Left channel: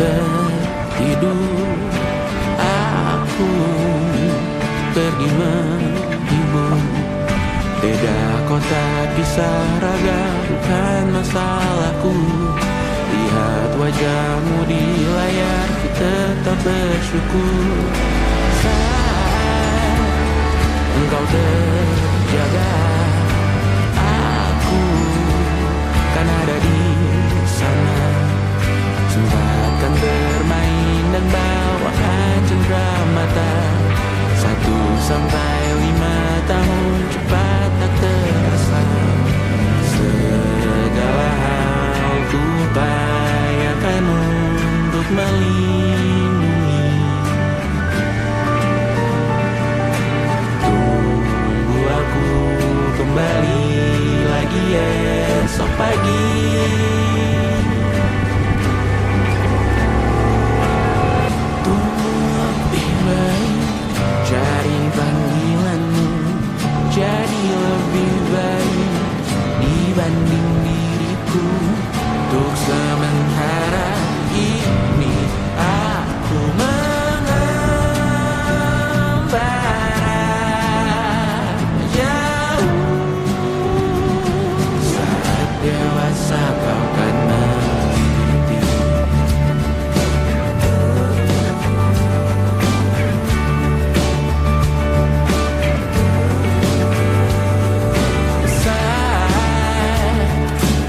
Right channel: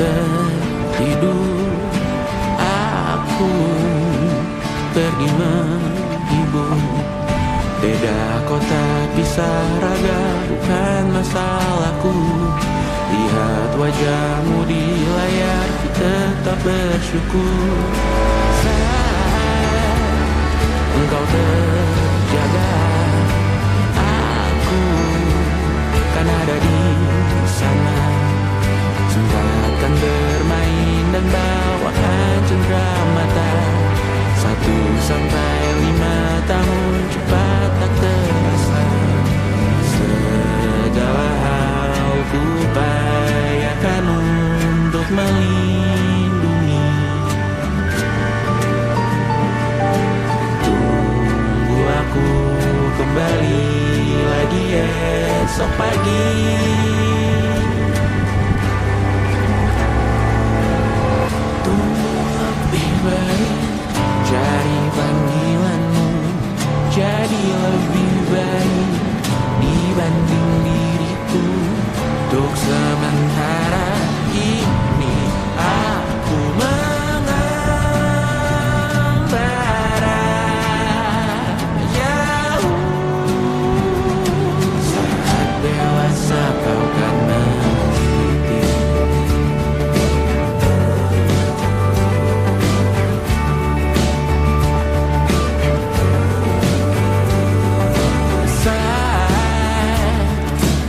tertidur, aku pergi menghibur. Beda kota, pisah raga, bukan masalahku. Lihat wajahmu di layar, ku tetap bersyukur. Saat engkau terjaga, aku kan ada di sana. Sempatkan bermain dan bawakan cendera mata. 1 sampai 5 tahun cepat tak terasa. Segala hal ku upayakan untuk melindungi. Tunggu aku kembali lagi esok pagi. Tunggu lebih baik, cari panggilanmu jadi lebih baik dibanding diriku. Untuk sementara ini aku mengembara jauh. Saat dewasa kau kan mengerti.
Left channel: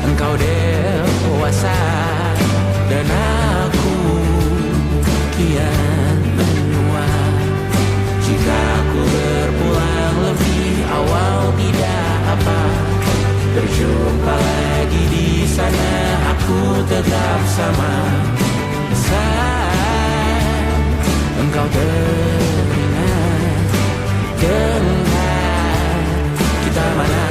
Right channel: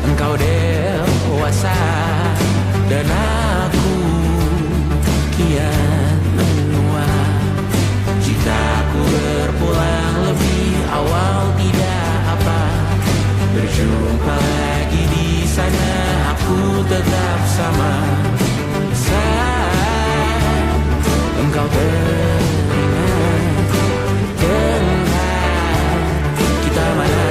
Engkau dewasa dan aku kian menua. Jika aku berpulang lebih awal tidak apa. Berjumpa lagi di sana, aku tetap sama. Saat engkau teringat tentang kita mana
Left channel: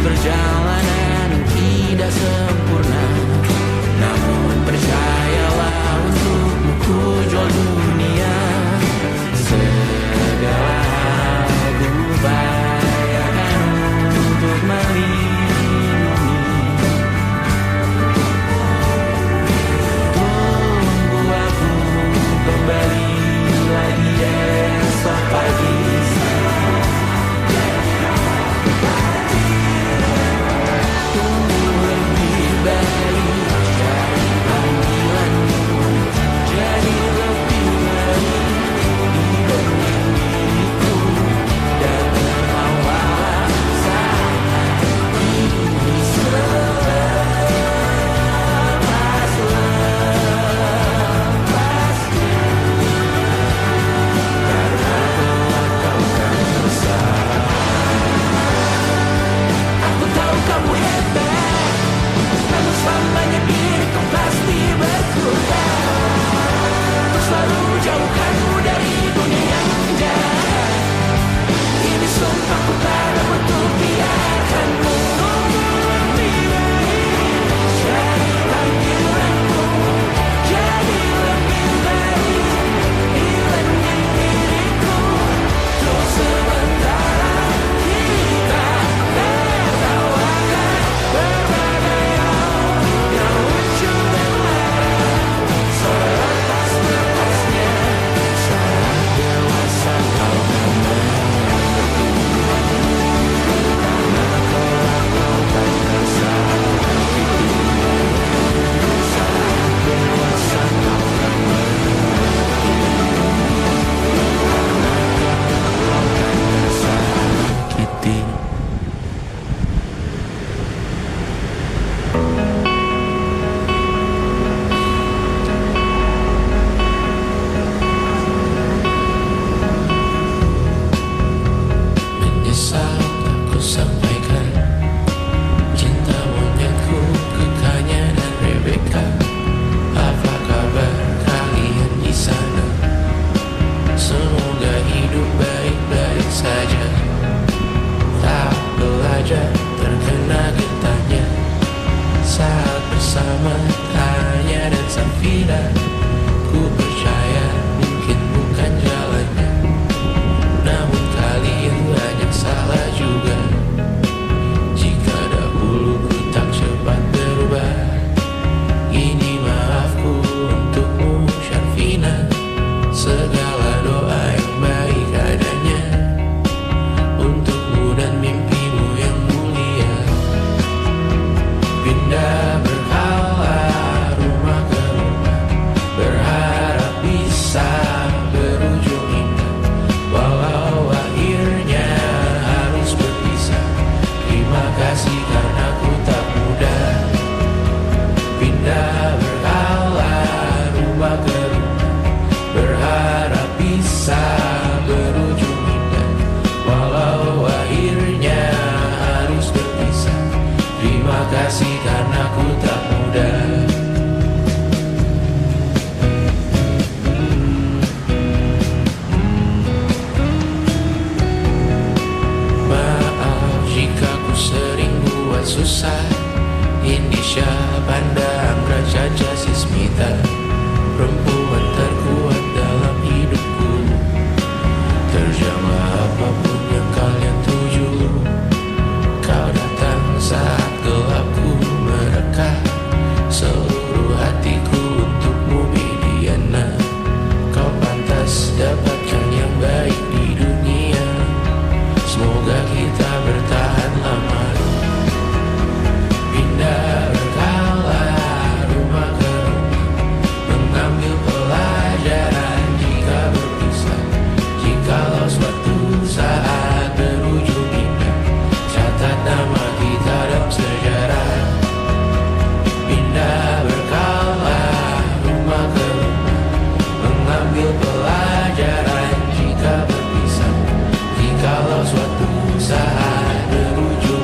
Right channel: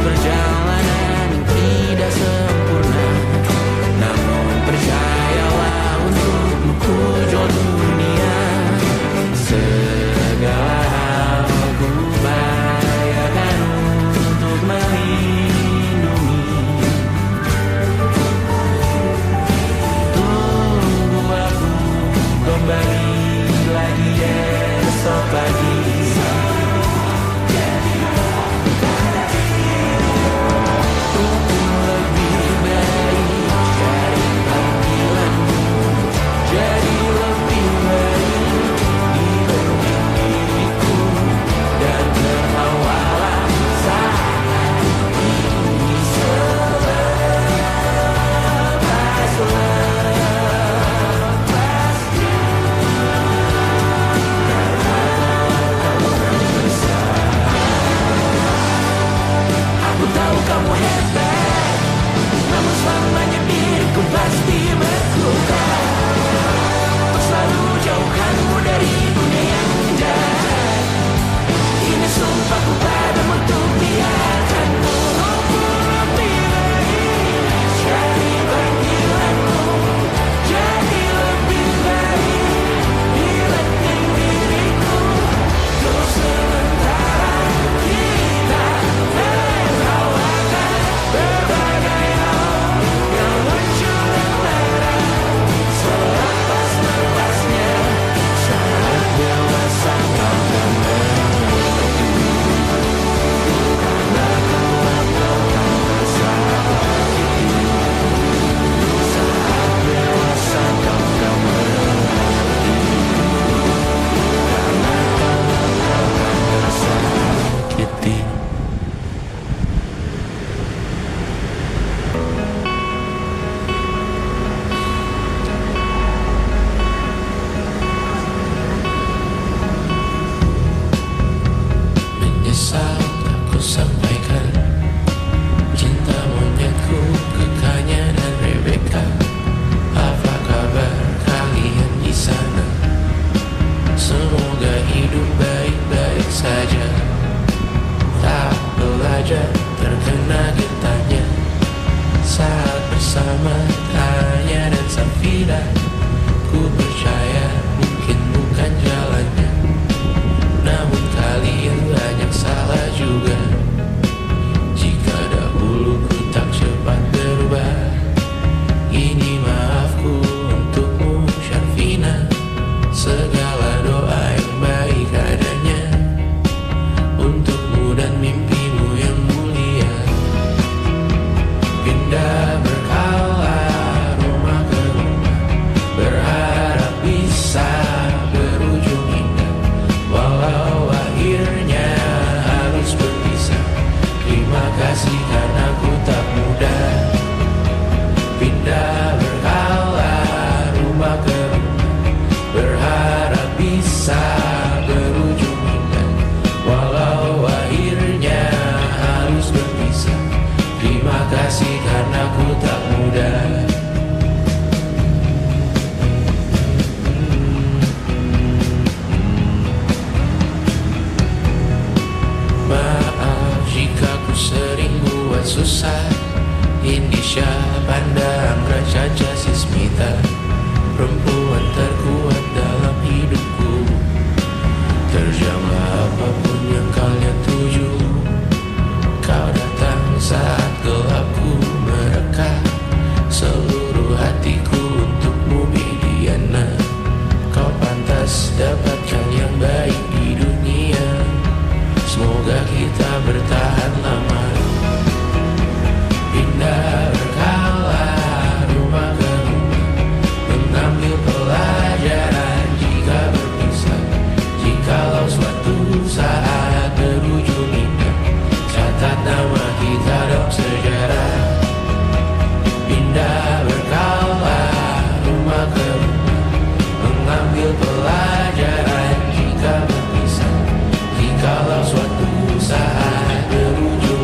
perjalanan yang tidak sempurna, namun percayalah untukmu ku jual dunia. Segala hal ku upayakan untuk melindungi. Tunggu aku kembali lagi esok pagi. Terkena getahnya saat bersama Tanya dan Safira. Ku percaya mungkin bukan jalannya, namun kalian banyak salah juga. Jika dahulu ku tak cepat berubah, segala doa yang baik adanya untukmu dan mimpimu yang mulia. Pindah berkala rumah ke rumah, berharap bisa berujung indah, walau akhirnya harus berpisah. Terima kasih karena ku tak mudah. Pindah berkala rumah ke rumah, berharap bisa berujung indah, walau akhirnya harus berpisah. Terima kasih karena ku tak mudah. Maaf jika ku sering buat susah. Indonesia pandang Raja Jasismita, perempuan terkuat dalam hidupku. Terjanglah apapun yang kalian tuju. Kau datang saat gelapku mereka, seluruh hatiku untukmu Bidiana. Kau pantas dapatkan yang baik di dunia, semoga kita bertahan lama. Pindah berkala rumah ke rumah, mengambil pelajaran jika berpisah. Jikalau suatu saat berujung indah, catat nama kita dalam sejarah. Pindah berkala rumah ke rumah, mengambil pelajaran jika berpisah. Jikalau suatu saat berujung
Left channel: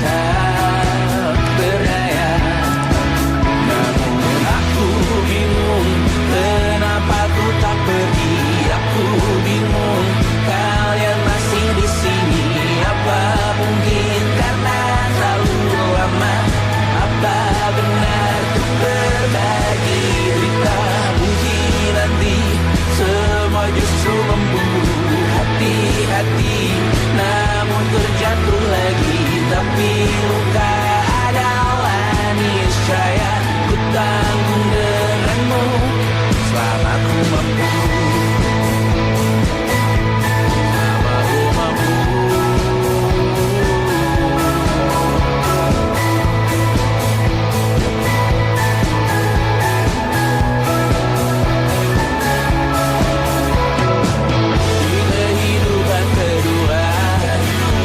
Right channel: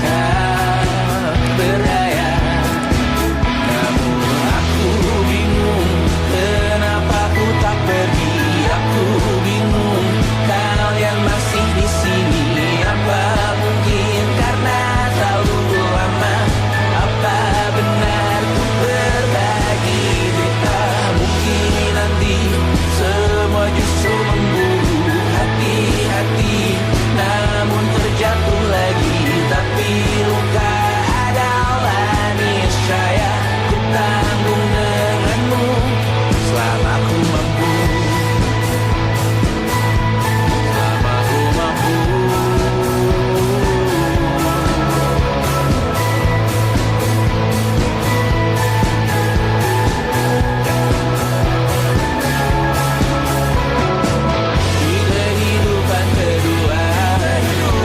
tak berdaya. Namun aku bingung, kenapa ku tak pergi. Aku bingung, kalian masih di sini. Apa mungkin karena terlalu lama? Apa benar ku berbagi derita? Mungkin nanti semua justru memburu hati-hati, namun terjatuh lagi. Tapi luka adalah niscaya, ku tanggung denganmu selama ku mampu. Selama ku mampu. Di kehidupan kedua,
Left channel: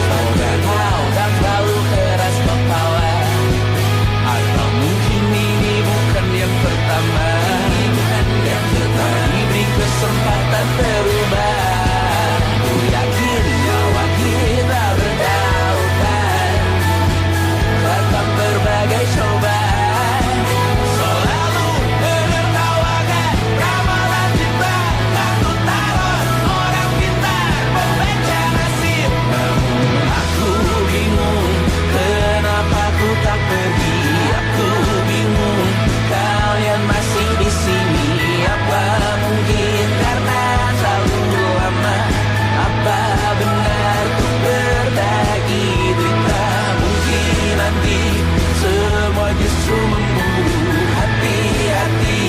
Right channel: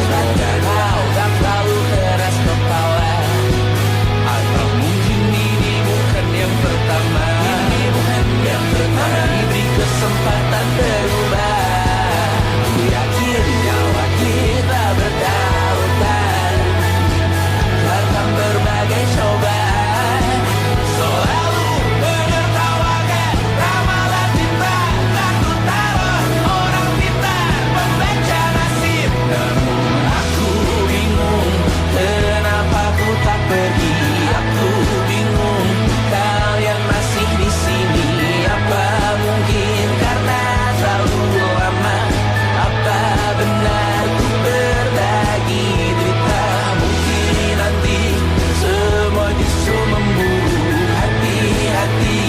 semoga kau tak terlalu keras kepala. Atau mungkin ini bukan yang pertama, dan kita diberi kesempatan berubah. Ku yakin nyawa kita bertautan, datang berbagai cobaan. Selalu menertawakan ramalan cinta, batu taruh orang pintar membaca nasib. Namun aku bingung, kenapa ku tak pergi. Aku bingung, kalian masih di sini. Apa mungkin karena terlalu lama? Apa benar ku berbagi derita? Mungkin nanti semua justru memburu hati-hati,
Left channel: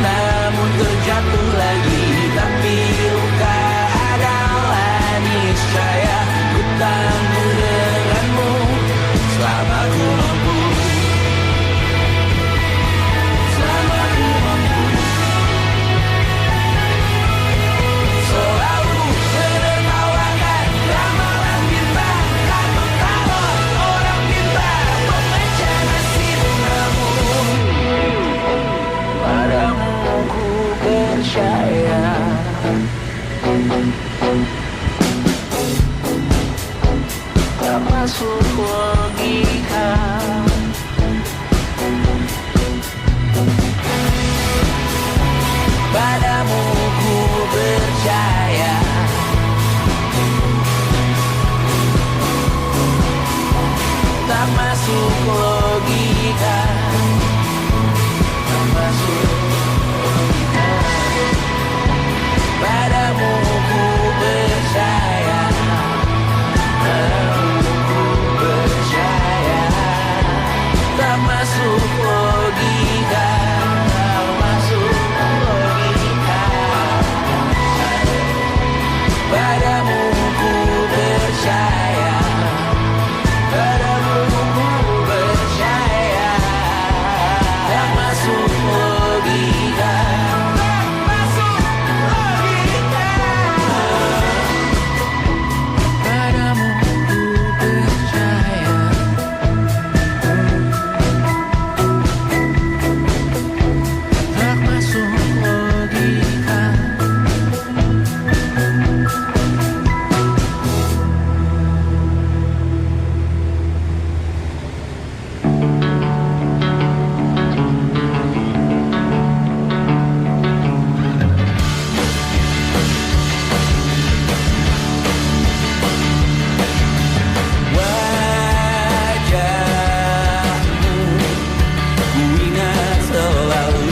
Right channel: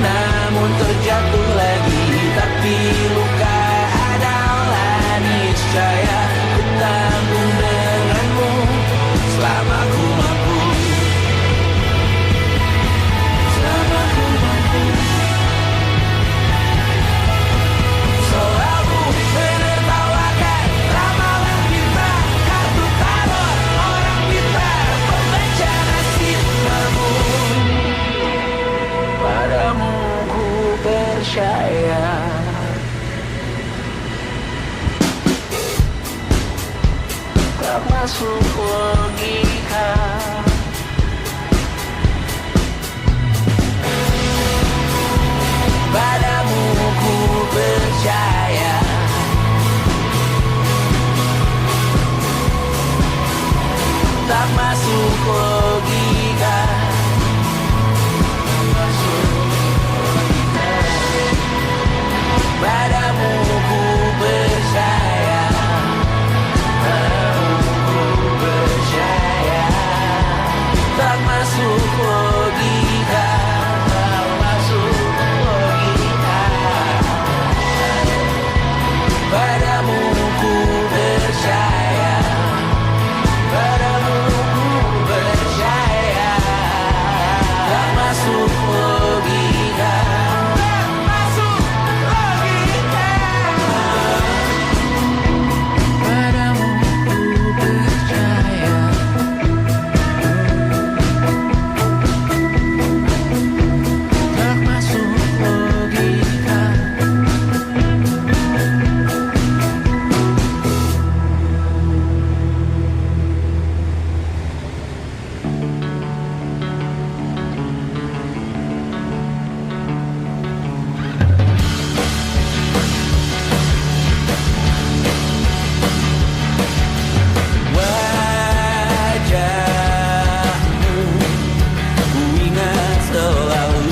namun terjatuh lagi. Tapi luka adalah niscaya, ku tanggung denganmu selama ku mampu. Selama ku mampu. Selalu menertawakan ramalan bintang, kartu tarot orang pintar membaca nasib. Namun padamu ku percaya, tak masuk logika. Padamu ku percaya, tak masuk logika. Tak masuk logika. Padamu ku percaya, padamu ku percaya, tak masuk logika. Tak masuk logika. Padamu ku percaya, padamu ku percaya, tak masuk logika. Tak masuk logika. Padamu ku percaya, tak masuk logika. Wajahmu ku ingat selalu,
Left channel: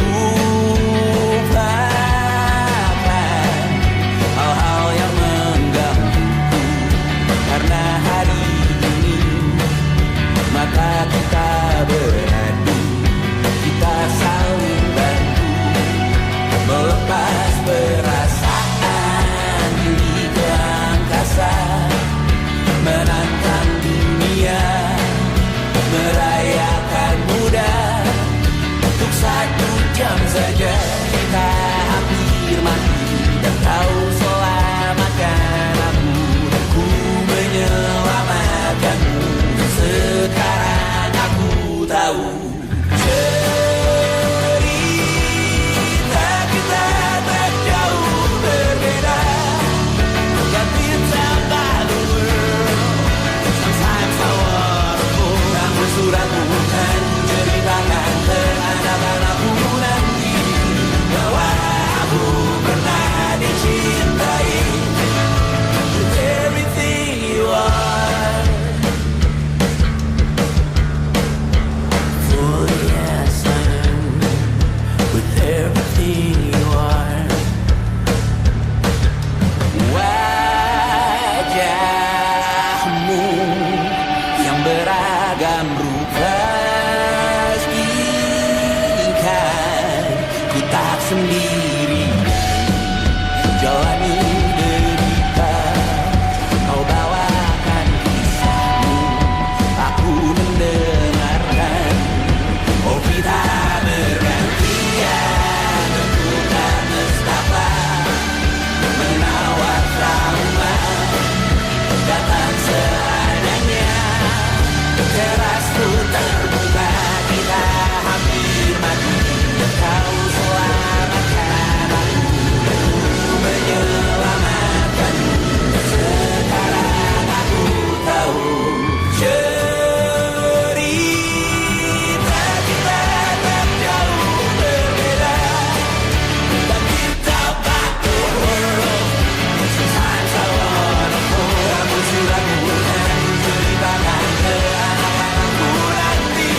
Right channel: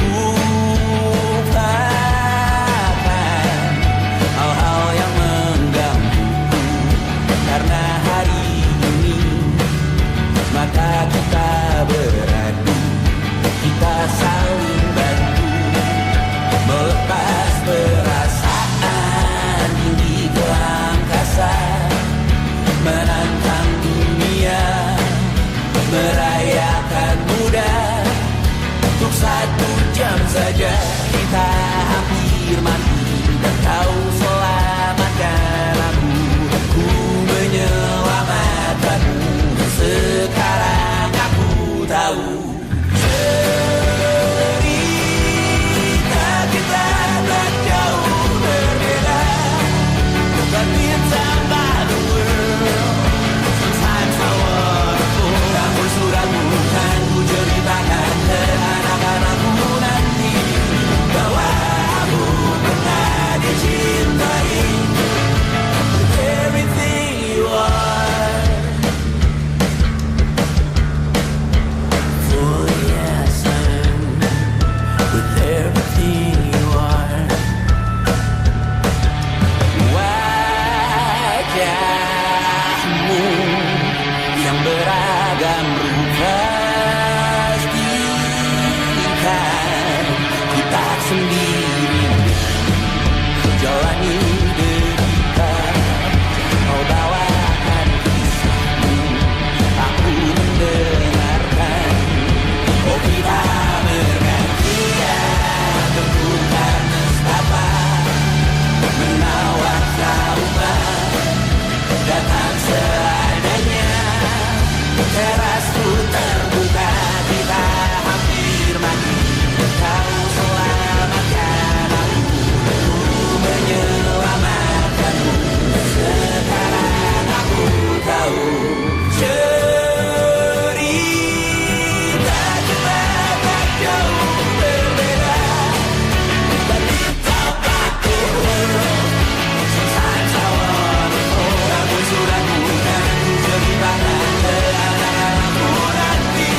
lupakan hal-hal yang menggangguku. Karena hari ini mata kita beradu, kita saling bantu melepas perasaan tinggi ke angkasa, menantang dunia, merayakan muda. Untuk 1 jam saja kita hampir mati, dan kau selamatkan aku, dan ku menyelamatkanmu. Dan sekarang aku yang beragam rupa. Pastikan ku tak sendirian jalani derita. Kau bawakan kisahmu, aku mendengarkan. Oh kita bergantian, bertukar nestapa, menawar trauma, datang seadanya. Terasku terbuka, kita hampir mati. Kau selamatkan aku, menyelamatkan. Sekarang aku tahu cerita kita tak jauh berbeda. But you talk about the world, sometimes I wanna fall. Namun suratmu kan ku ceritakan ke anak-anakku nanti.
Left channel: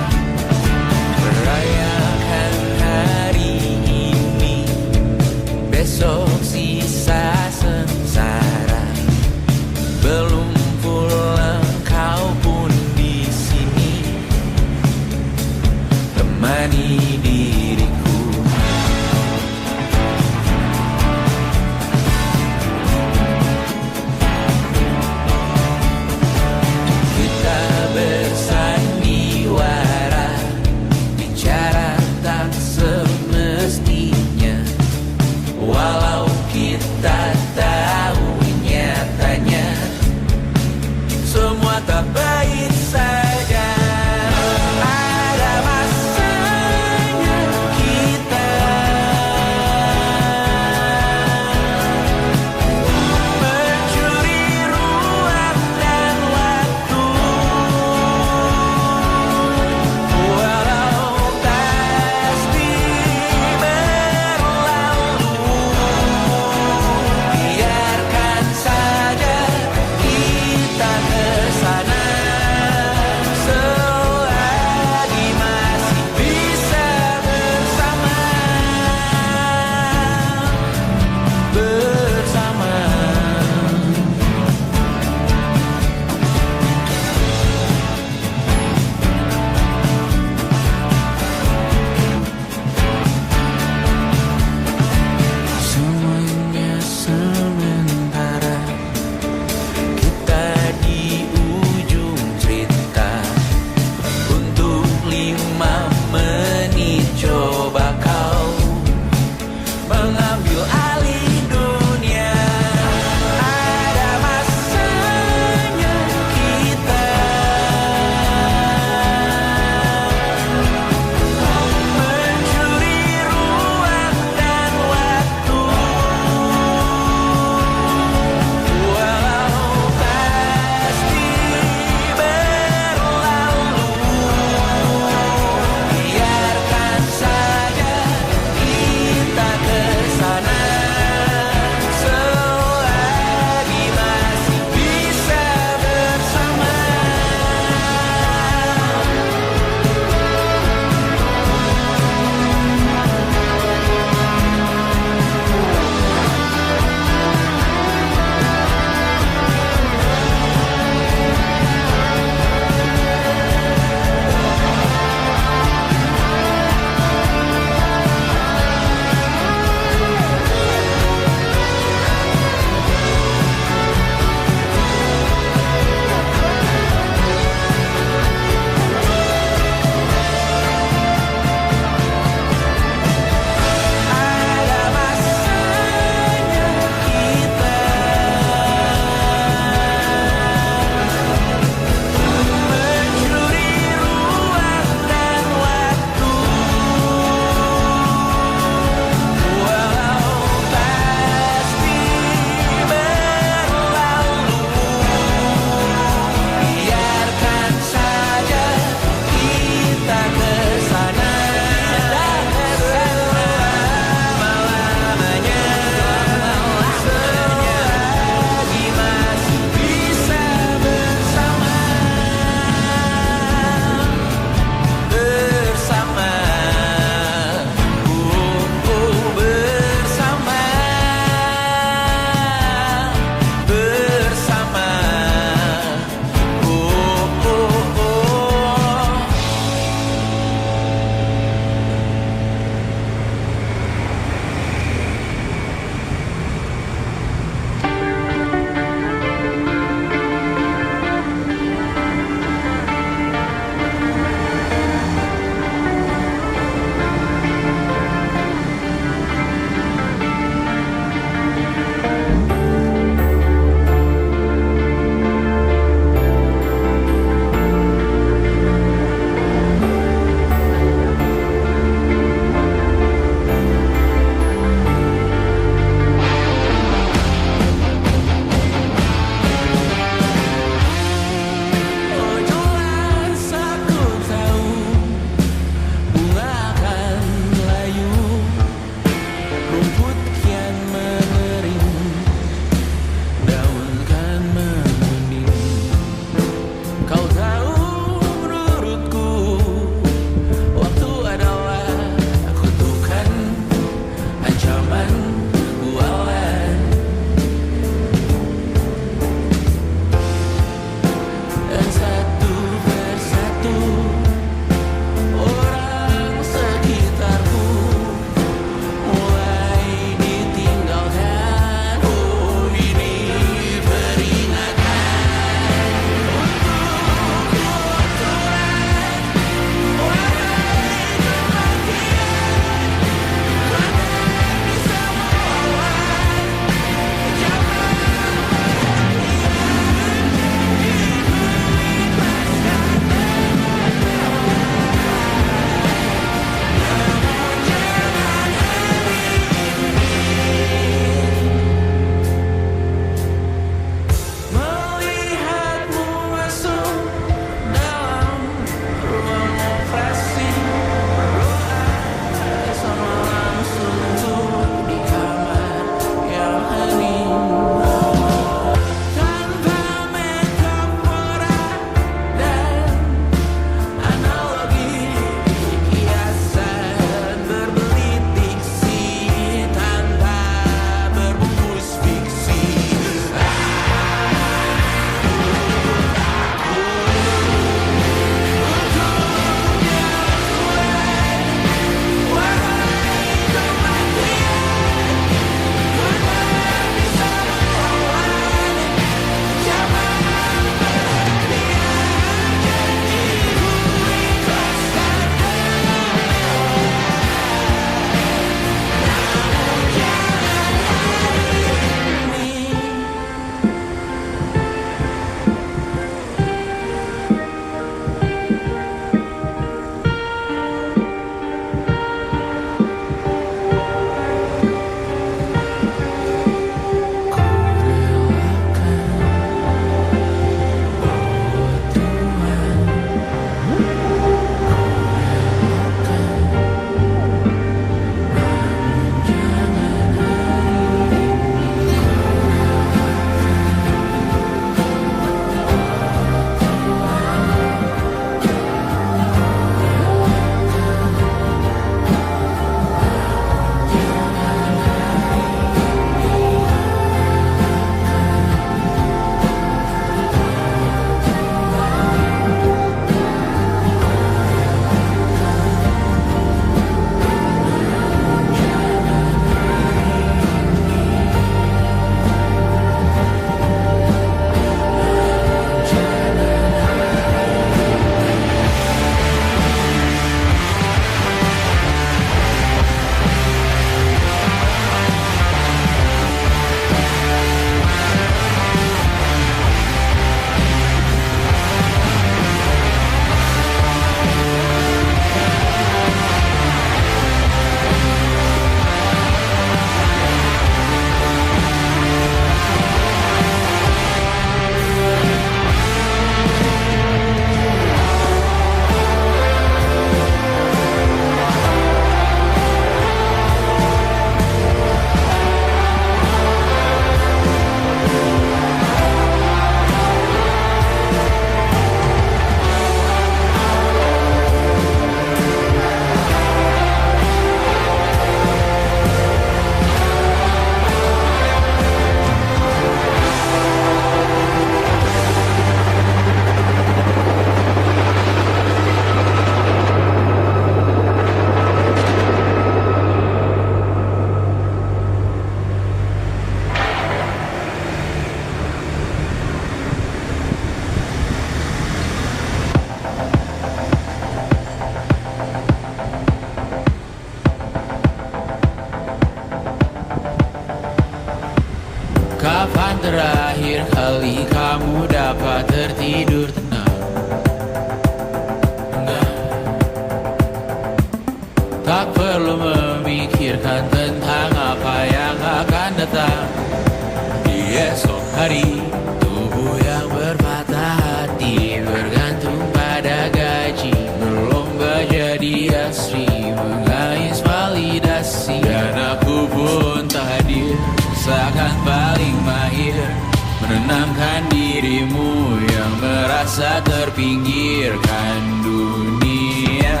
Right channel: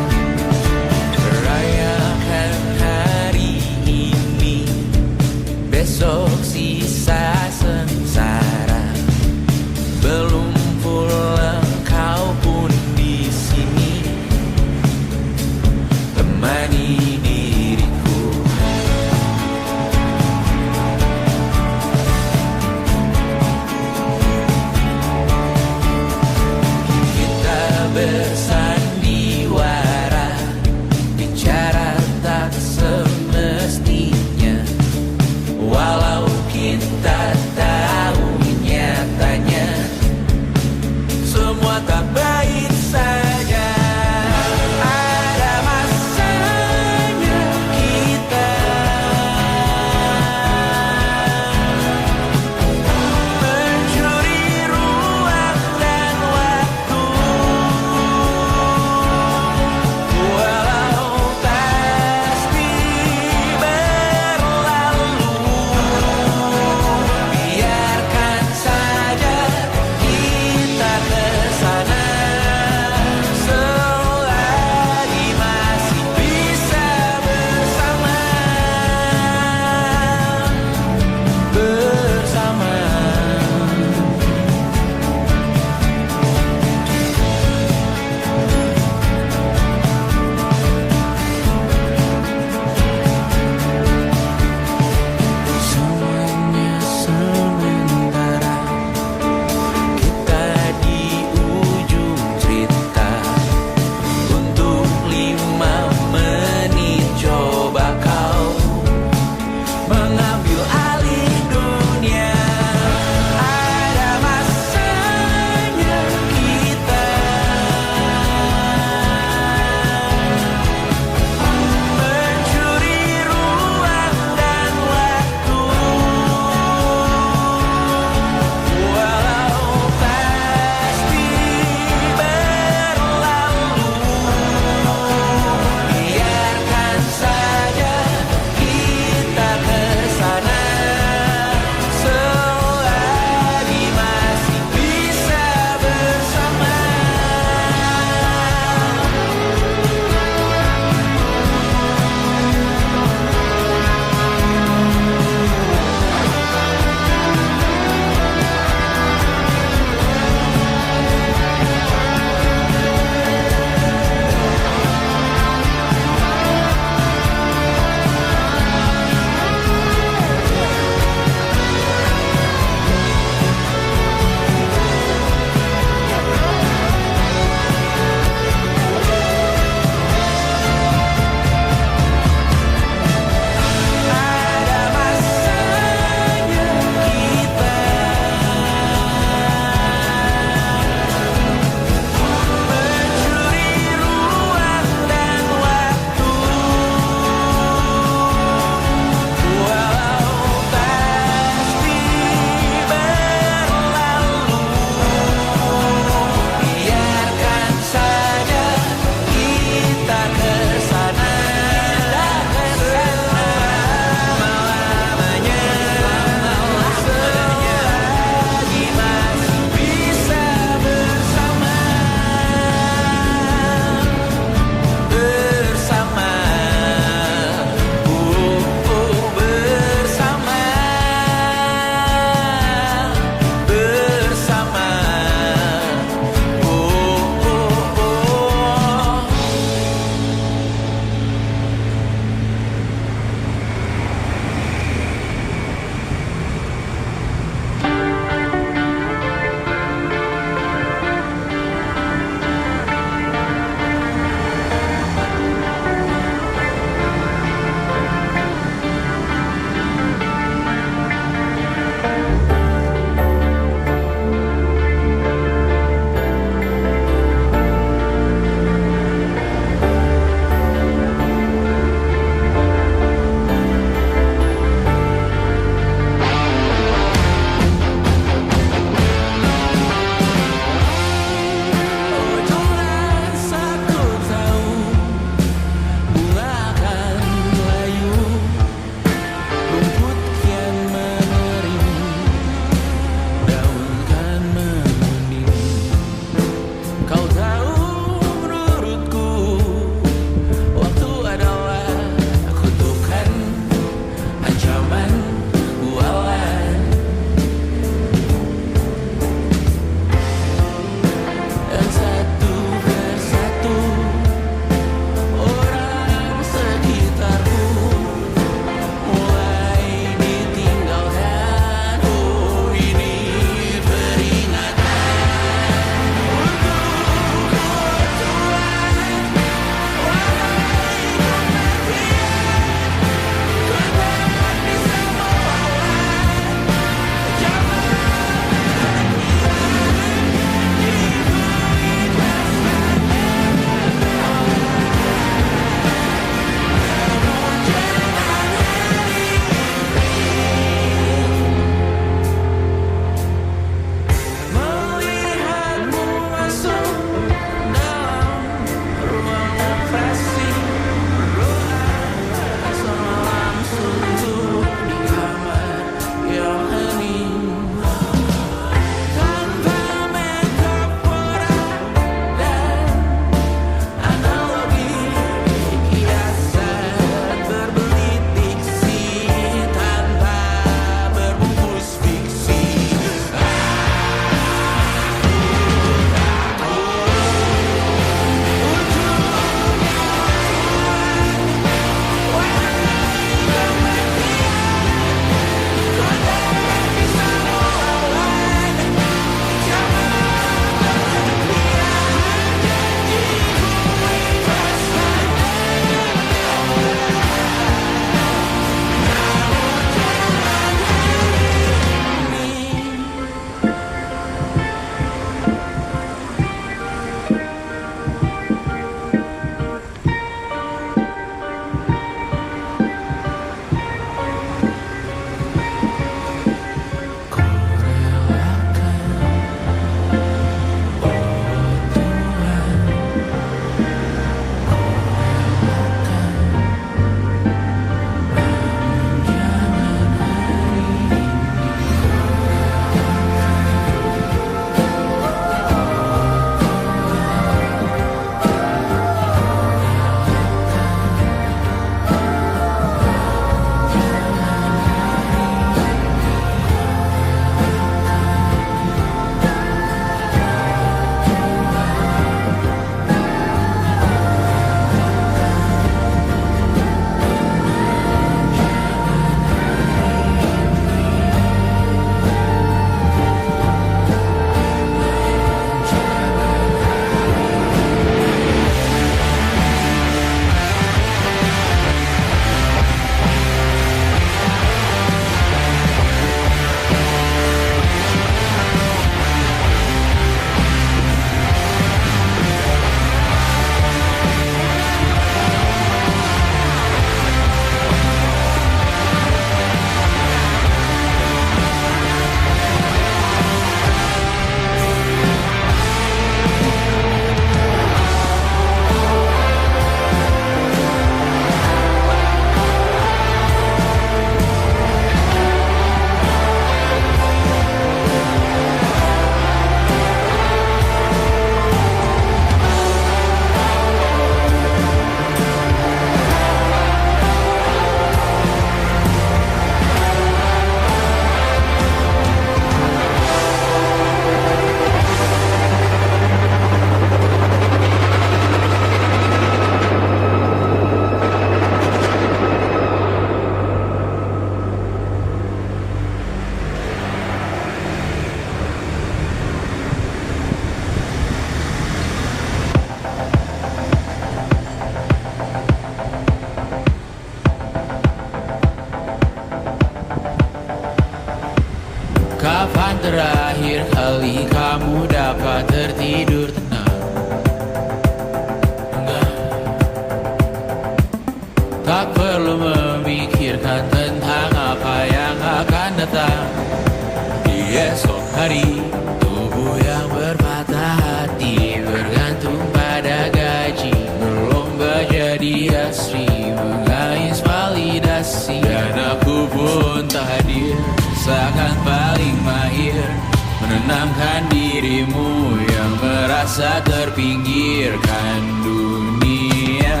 merasa terpinggirkan dunia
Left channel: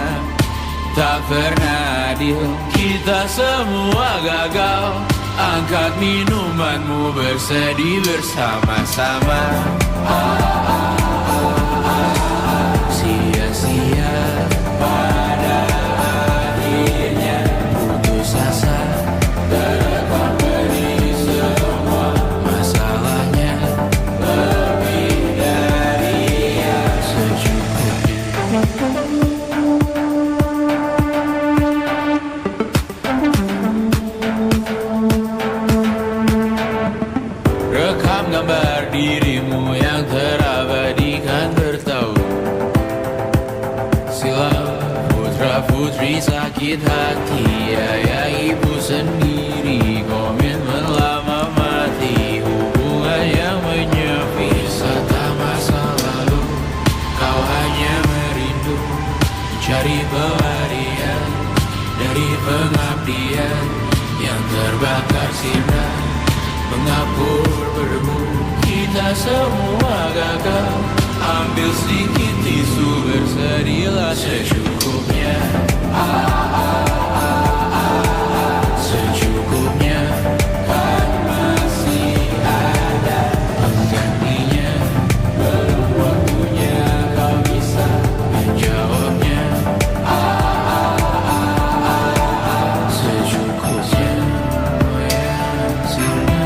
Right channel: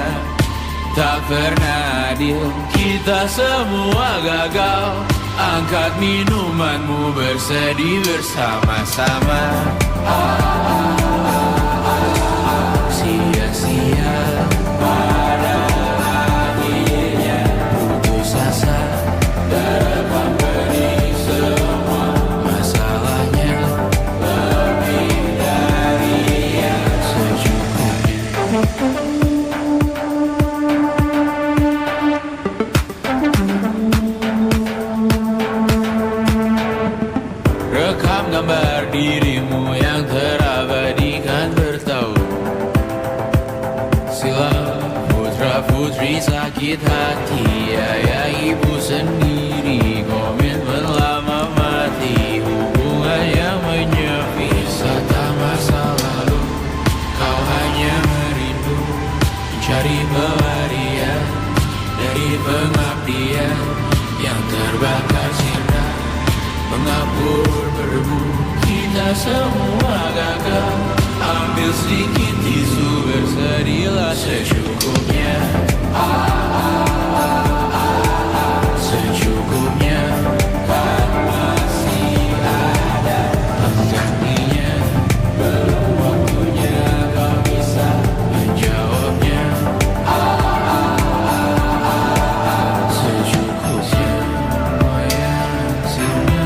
tak pernah adil, kita semua gagal. Angkat minumanmu, bersedih bersama-sama. Sia-sia pada akhirnya putus asa, terekam pedih semua masalahnya. Lebih dari yang secukupnya. Rekam gambar dirimu yang terabadikan bertahun silam. Putra putri sakit hati, ayah ibu sendiri, komitmen lama mati, hubungan yang menyepi. Serta masa lalu kau hanya merindu, mencari pelarian dari pengabdian yang terbakar sinar, mengapur berdebu. Kita semua gagal. Ambil sedikit tisu, bersedihlah secukupnya. Secukupnya, kan masih ada penggantinya. Belum waktunya kau bisa menjawabnya. Secukupnya, yang sirna.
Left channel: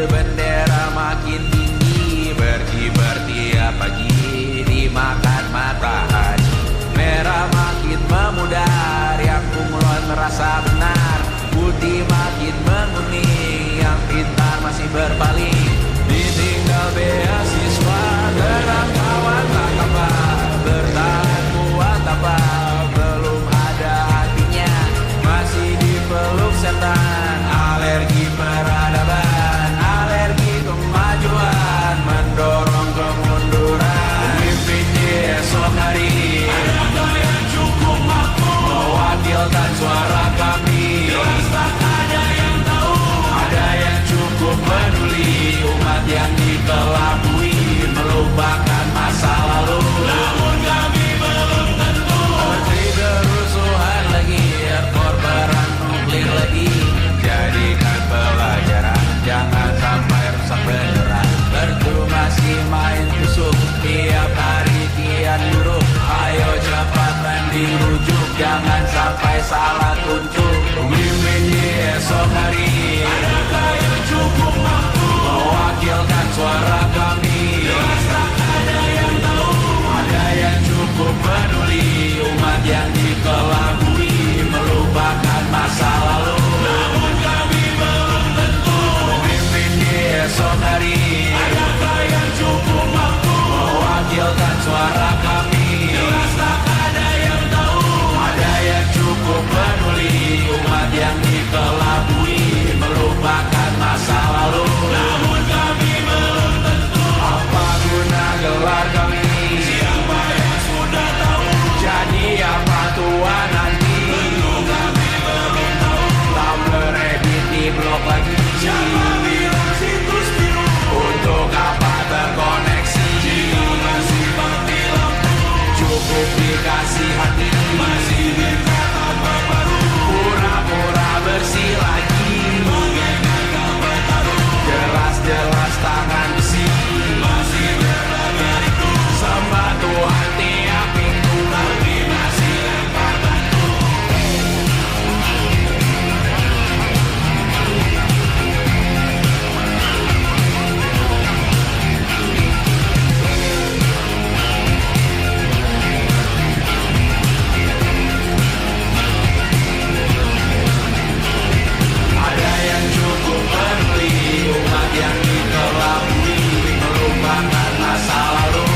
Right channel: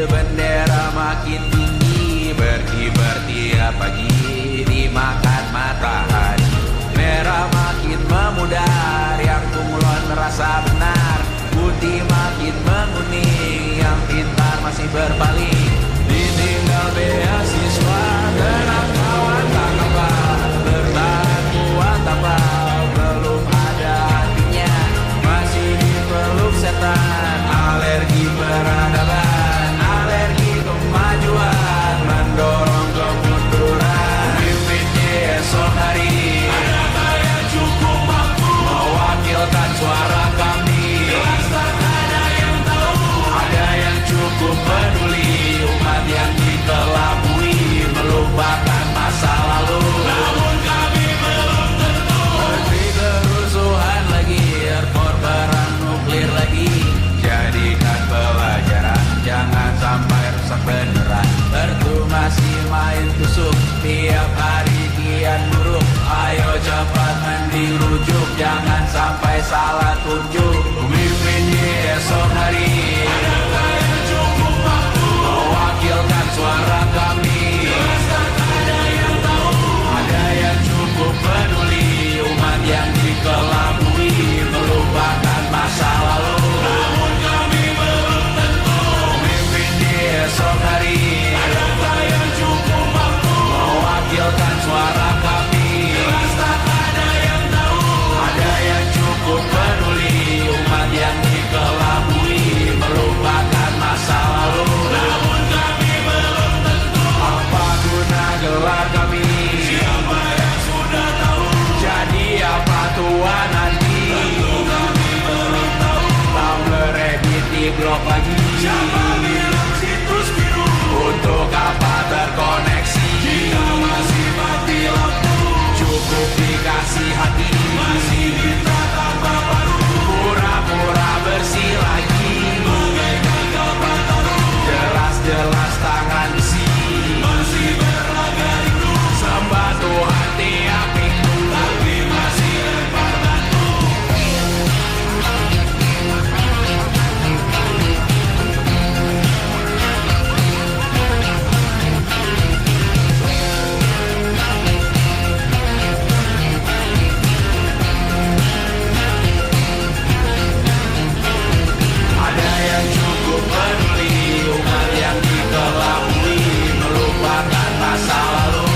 Bendera makin tinggi, berkibar tiap pagi, dimakan matahari. Merah makin memudar, yang bunglon merasa benar. Putih makin menguning, yang pintar masih berpaling. Ditinggal beasiswa, tenang kawan tak kabar. Bertahan kuat apa, belum ada artinya. Masih dipeluk setan, alergi peradaban, alergi kemajuan, mendorong kemunduran. Pemimpin di esok hari, adakah yang cukup mampu mewakilkan suara kami? Jelas tak ada yang tahu, ada yang cukup peduli. Umat yang dikelabui, melupakan masa lalu. Namun kami belum tentu. Seperti kerusuhan lagi, error perang nuklir lagi. Jadikan pelajaran, jangan sampai rusak beneran. Mertu masih main tusuk, tiap hari kian buruk. Ayo cepat mending rujuk, jangan sampai salah tunjuk. Pemimpin di esok hari, adakah yang cukup mampu mewakilkan suara kami? Jelas tak ada yang tahu, ada yang cukup peduli. Umat yang dikelabui, melupakan masa lalu. Namun kami belum tentu. Pemimpin di lupakan masa lalu.